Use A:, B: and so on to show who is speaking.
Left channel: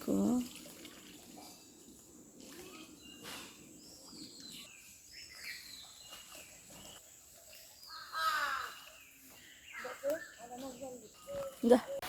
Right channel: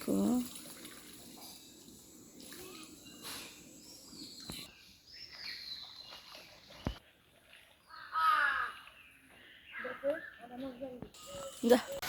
A: Cool.
B: Ah. Да.